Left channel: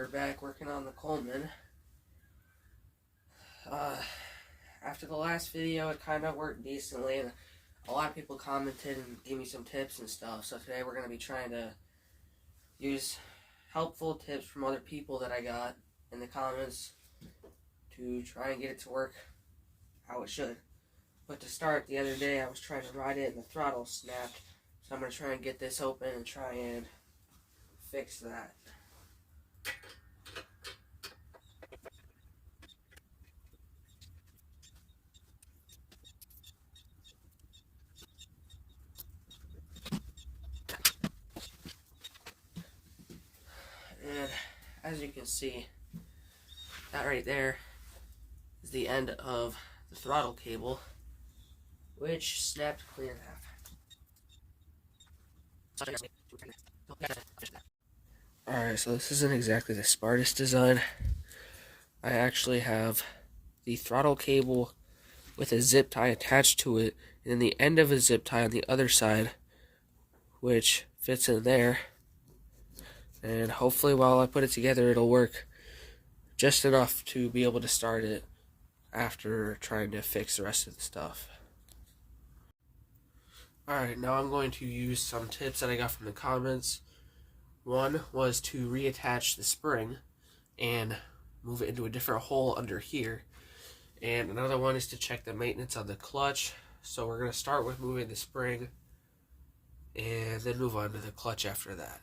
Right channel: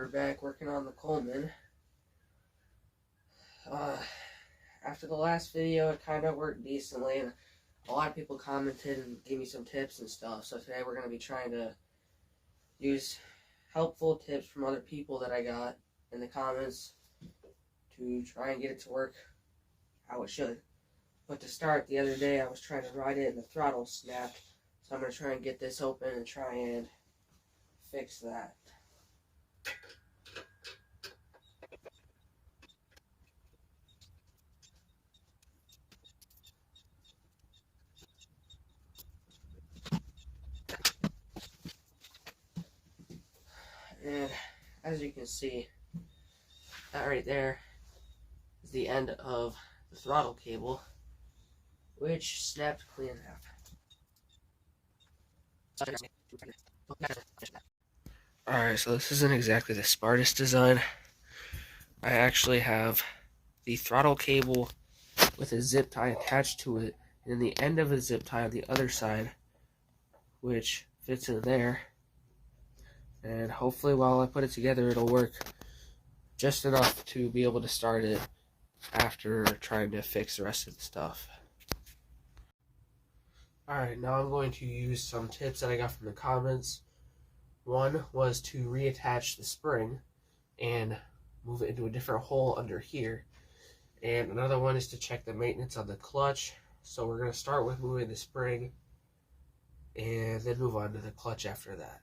we're back working on the Coleman. After the last video, it kind of worked decently, and a lot of people commented and gave me some tips and stuff. So today we're going to be trying to use helpful tips from other people that I got in the comments to try and get it to work how it should. But to start, the other day I was trying to ride it and the throttle snapped. So I'm going to try and get this open and try and fix that. And as you can see, that right there is the end of the throttle cable, which snapped clean in half. Alright, so this isn't exactly the smartest design. I actually have the throttle cable with a zip tie attached to it, and then the end of a zip tie on the other side, which fits in there. And hopefully while I put it together, it'll work just enough to be able to start it after trying to fix the rest of the stuff. Alright, now I'm going to use some tips that I got from the comments. One was to reattach the spring and move it into a different hole under here. And another one is to check the maintenance on the clutch. So we're going to start with moving the spring and then move on to the clutch after that.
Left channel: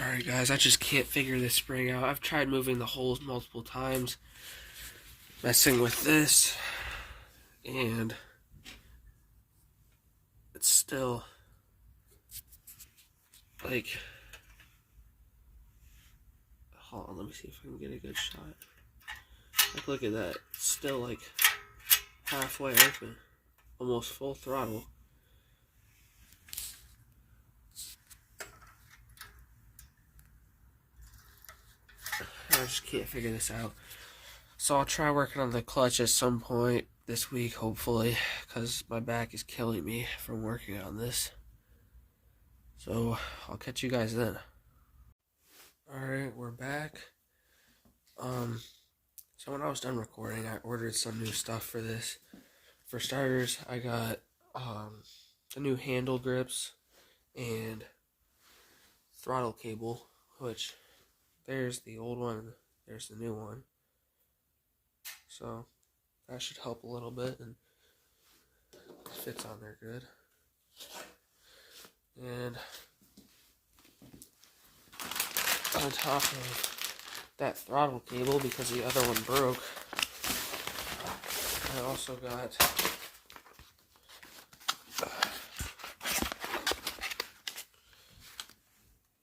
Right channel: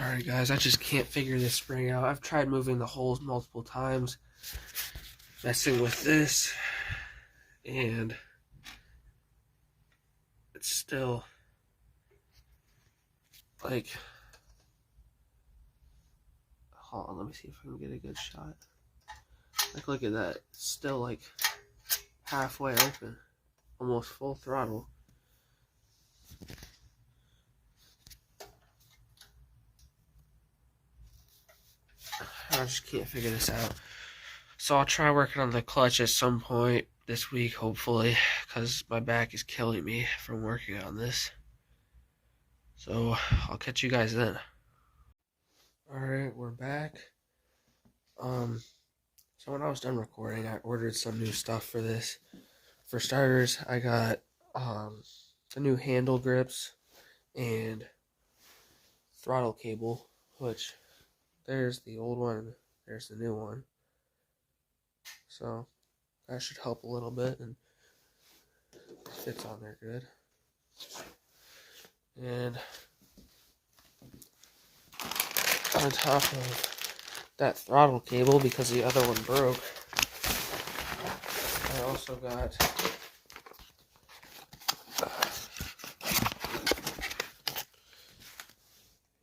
Alright guys, I just can't figure this spring out. I've tried moving the holes multiple times, messing with this, and it's still like, hold on, let me see if I can get a good shot. Like, look at that, it's still like halfway open, almost full throttle. I just can't figure this out. So I'll try working on the clutch at some point this week, hopefully, because my back is killing me from working on this. So I'll catch you guys then. Alright, we're back. So when I was done recording, I ordered some new stuff for this. For starters, I got the new handle grips and throttle cable, which there's the old one, there's the new one. So that should help a little bit, and fits on there good. And on top of that throttle cable, because the other one broke, I also got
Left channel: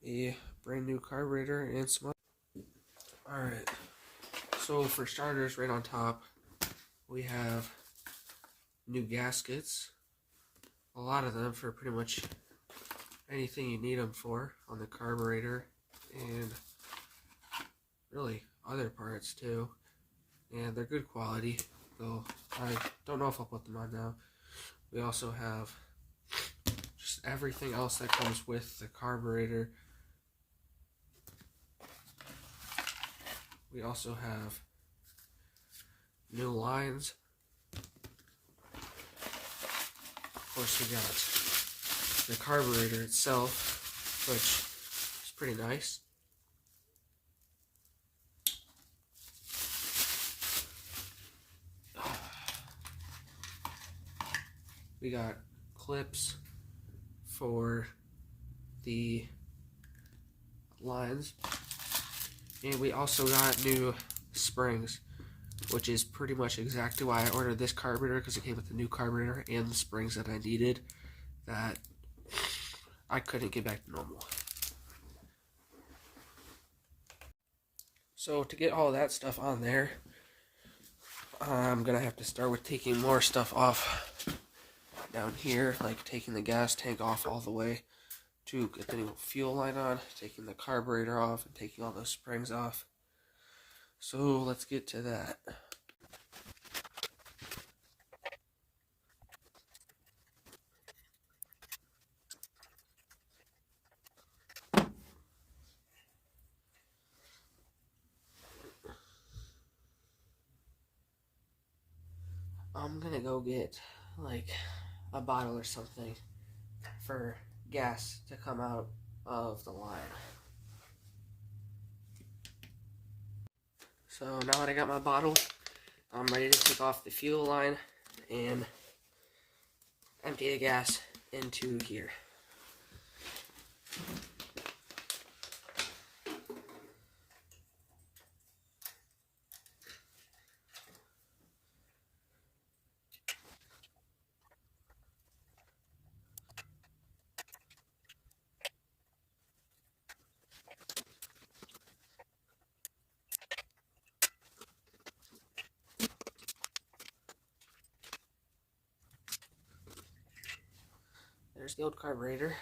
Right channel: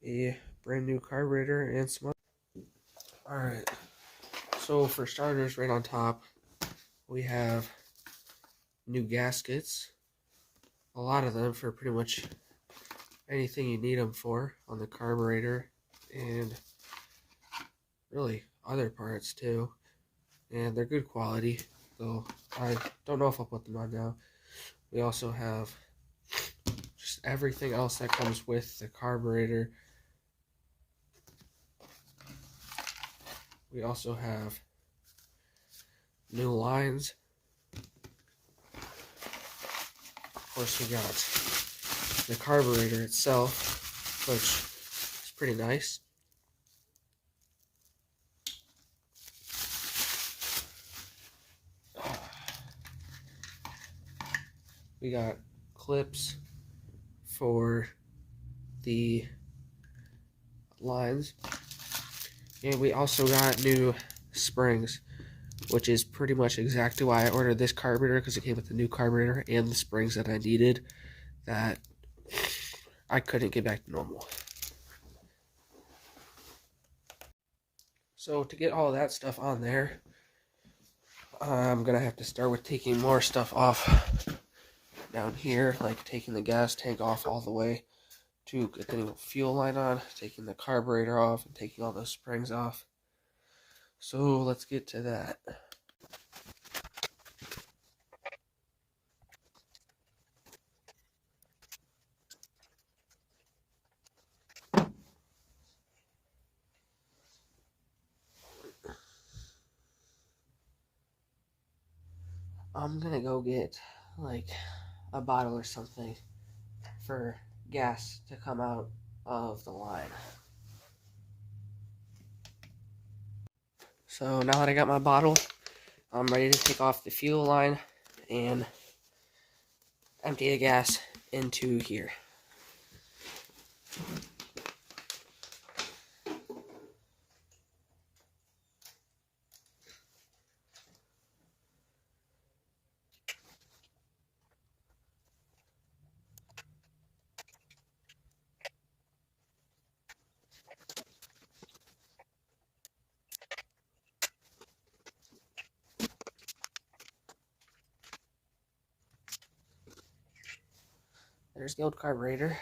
a brand new carburetor and some. Alright, so for starters, right on top, we have new gaskets. A lot of them for pretty much anything you need them for on the carburetor, and really other parts too. And they're good quality, though I don't know if I'll put them on now. We also have just everything else that comes with the carburetor. We also have new lines. Of course, we got the carburetor itself, which is pretty nice. We got clips for the lines. And we also got new springs, which is pretty much exactly why I ordered this carburetor, because it came with the new carburetor and the springs that I needed that I couldn't get back to normal. So to get all that stuff on there, I'm going to have to start with taking more stuff off down here, like taking the gas tank off all the way to get the new fuel line on, taking the carburetor off, and taking all those springs off. So let's get to that. I'm gonna go get like a bottle or something for gas to come out of the line. So now that I got my bottle, I'm ready to take off the fuel line and empty the gas into here. There's the old carburetor.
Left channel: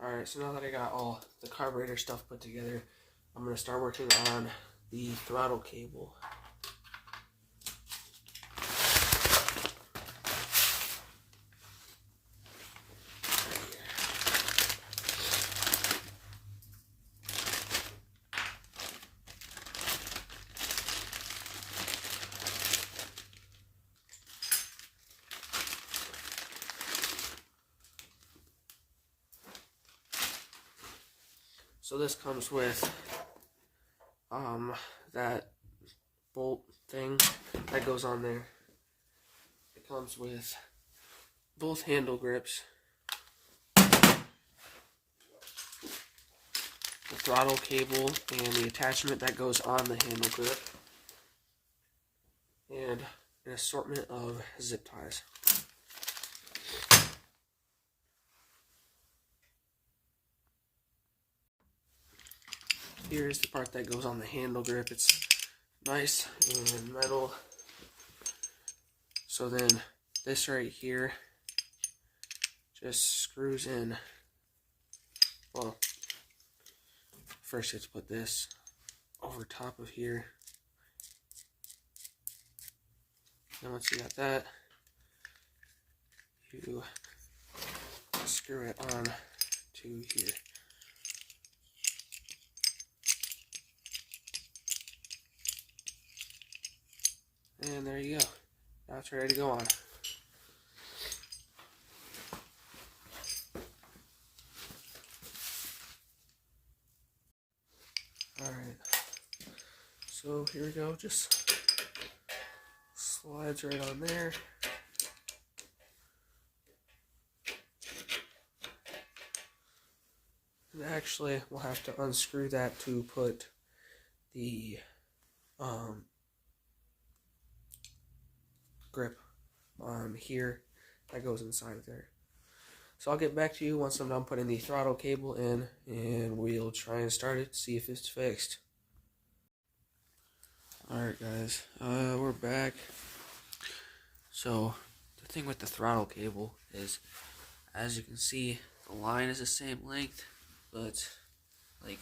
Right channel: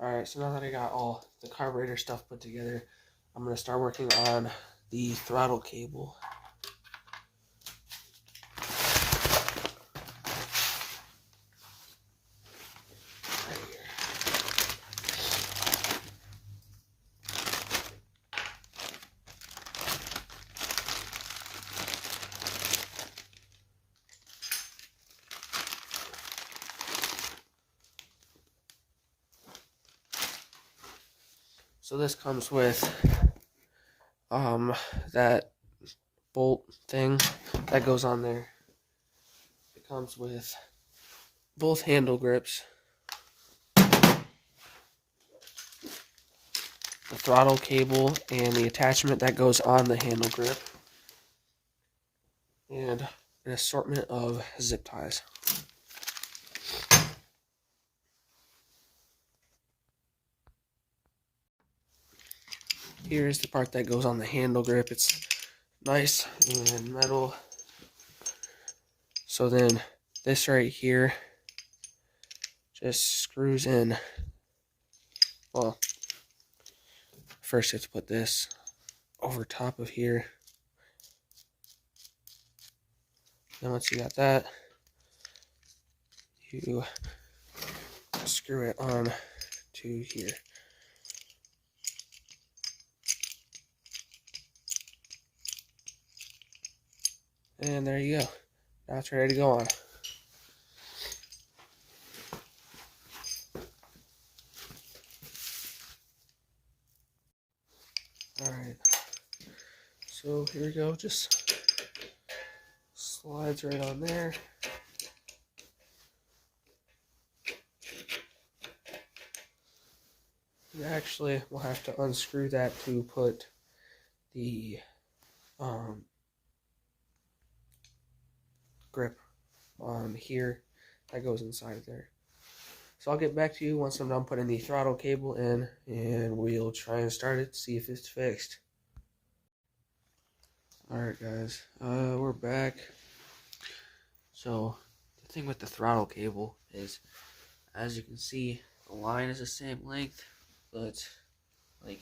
Alright, so now that I got all the carburetor stuff put together, I'm going to start working on the throttle cable. So this comes with that bolt thing that goes on there. It comes with both handle grips, the throttle cable, and the attachment that goes on the handle grip, and an assortment of zip ties. Here's the part that goes on the handle grip. It's nice and metal. So then this right here just screws in. Well, first you have to put this over top of here. Then once you got that, you screw it on to here. And there you go. Now it's ready to go on. Alright. So here we go. Just slides right on there. And actually, we'll have to unscrew that to put the grip on here that goes inside of there. So I'll get back to you once I'm done putting the throttle cable in, and we'll try and start it to see if it's fixed. Alright guys, we're back. So the thing with the throttle cable is, as you can see, the line is the same length, but like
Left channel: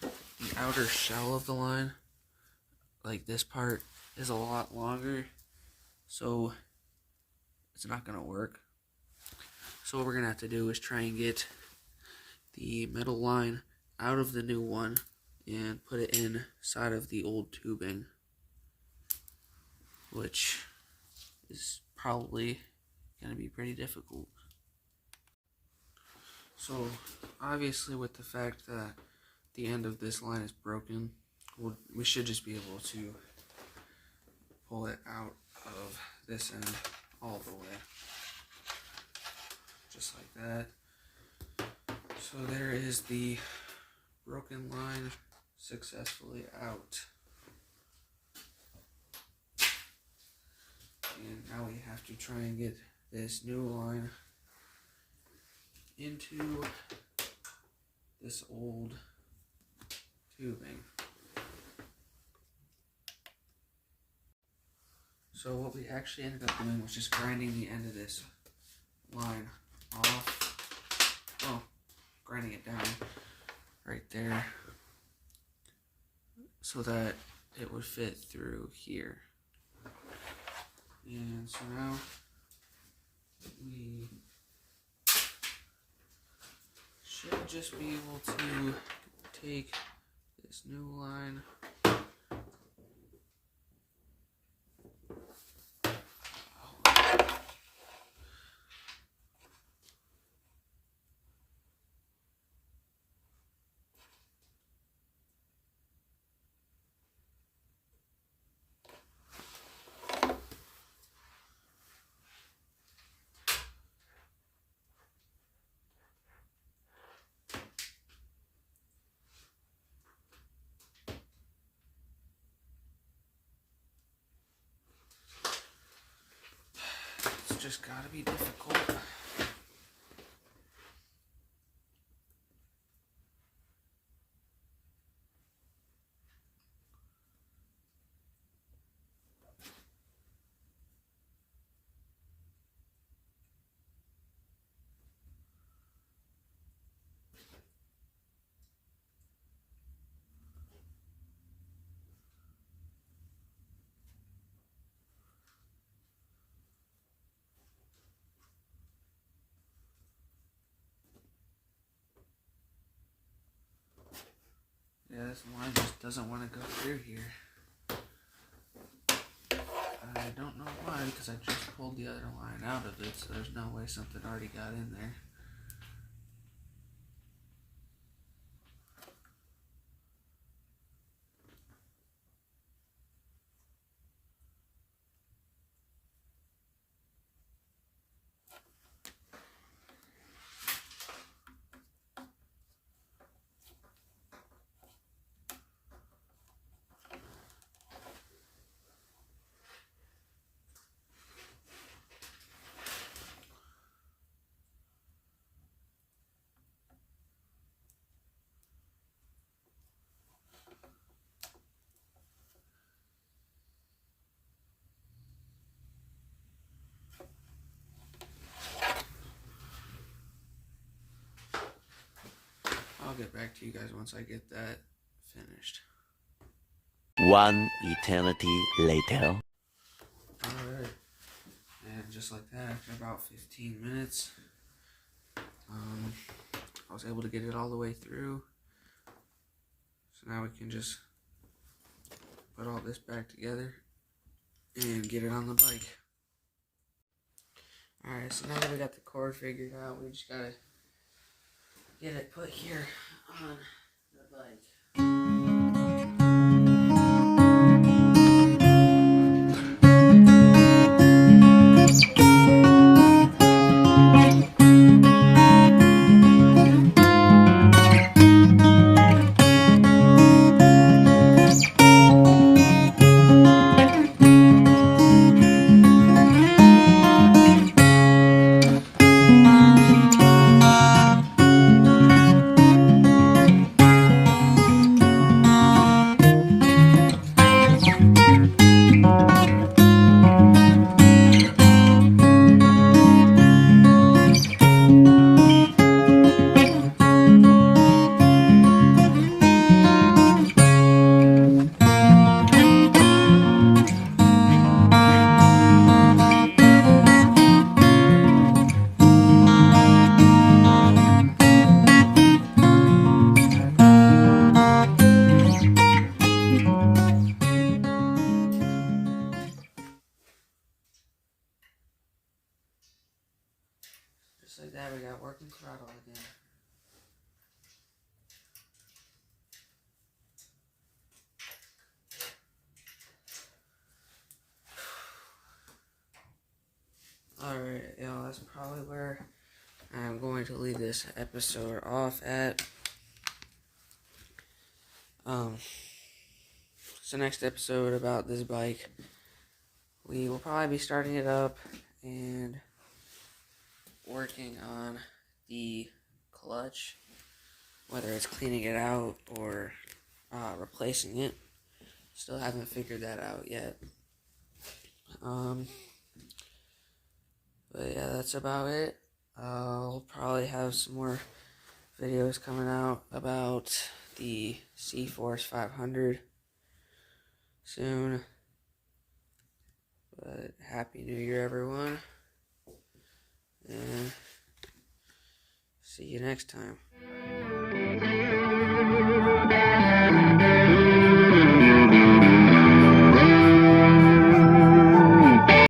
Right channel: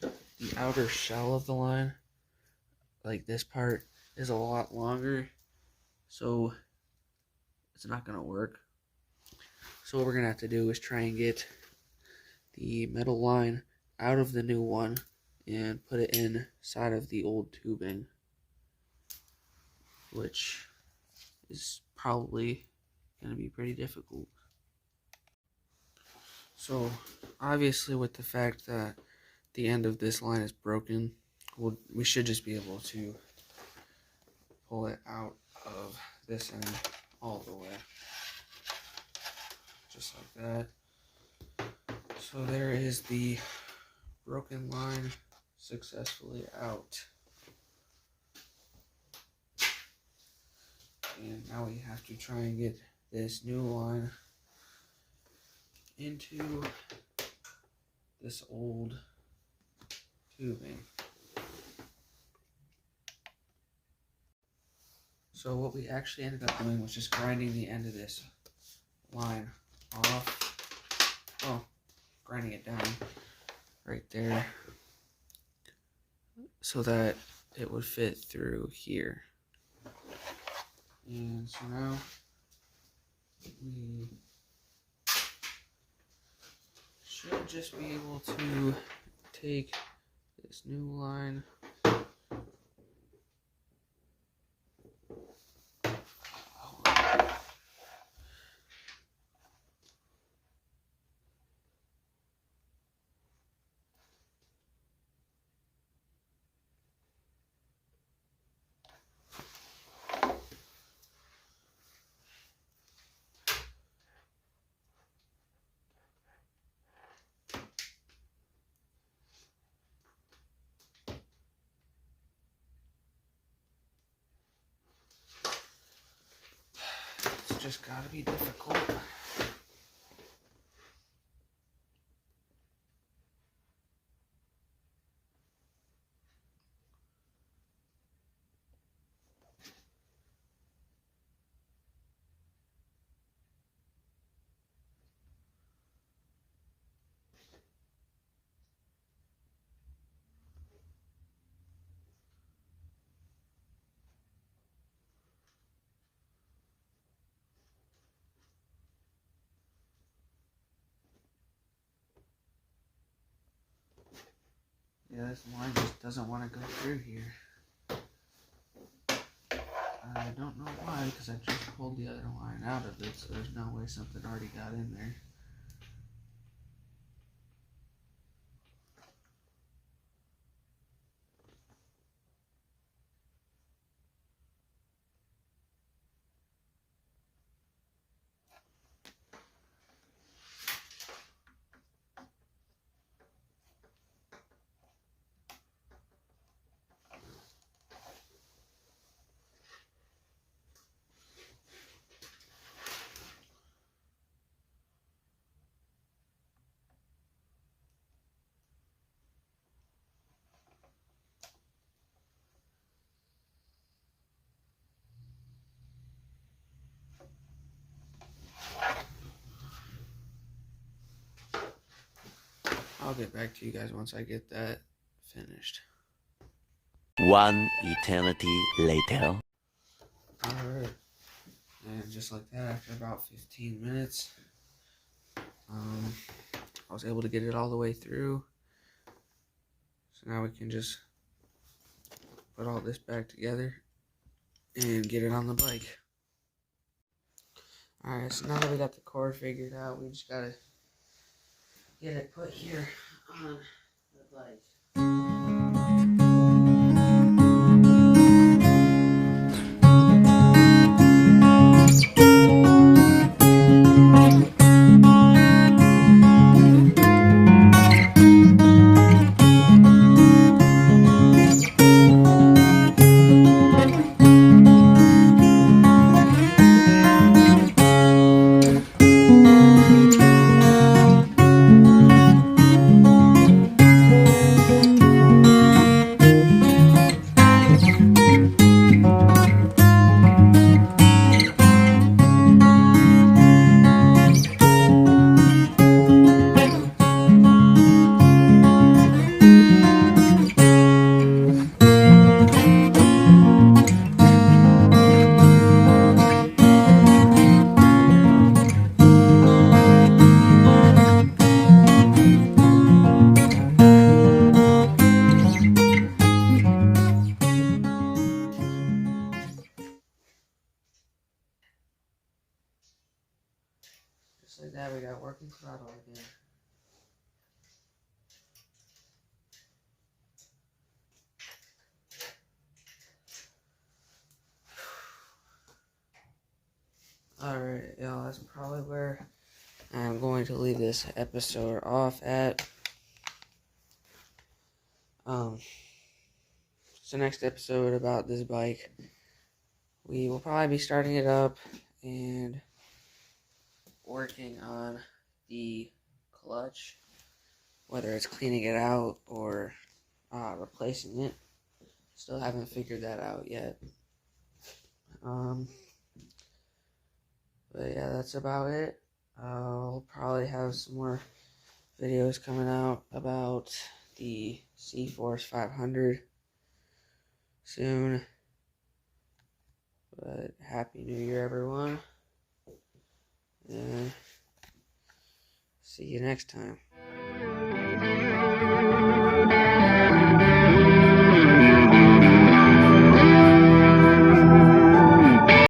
the outer shell of the line, like this part, is a lot longer, so it's not going to work. So what we're going to have to do is try and get the metal line out of the new one and put it inside of the old tubing, which is probably going to be pretty difficult. So obviously, with the fact that the end of this line is broken, we should just be able to pull it out of this end all the way, just like that. So there is the broken line successfully out. And now we have to try and get this new line into this old tubing. So what we actually ended up doing was just grinding the end of this line off. Well, grinding it down right there so that it would fit through here. And so now we should just be able to take this new line It's just gotta be difficult. Yeah, this line just doesn't want to go through here. I don't know why, because I just pulled the other line out of it, so there's no way something already got in there. I'll get back to you guys once I get that finished. One eternity later. Alright, and just like that, after about 15 minutes, I was able to get it all the way through. So now we can just put all this back together and get it on the bike. Alright, so now that we got the cord figured out, we just gotta get it put here on the bike. Just like that, we got working throttle again. Alright, y'all, that's probably where I'm going to leave this episode off at. So next episode about this bike, we will probably be starting it up and working on the clutch, whether it's cleaning it out or replacing it. Still haven't figured that out yet. But yeah, that's about it. I'll probably have some more videos coming out about the C-Force 500 soon. But Happy New Year, everyone. And see you next time.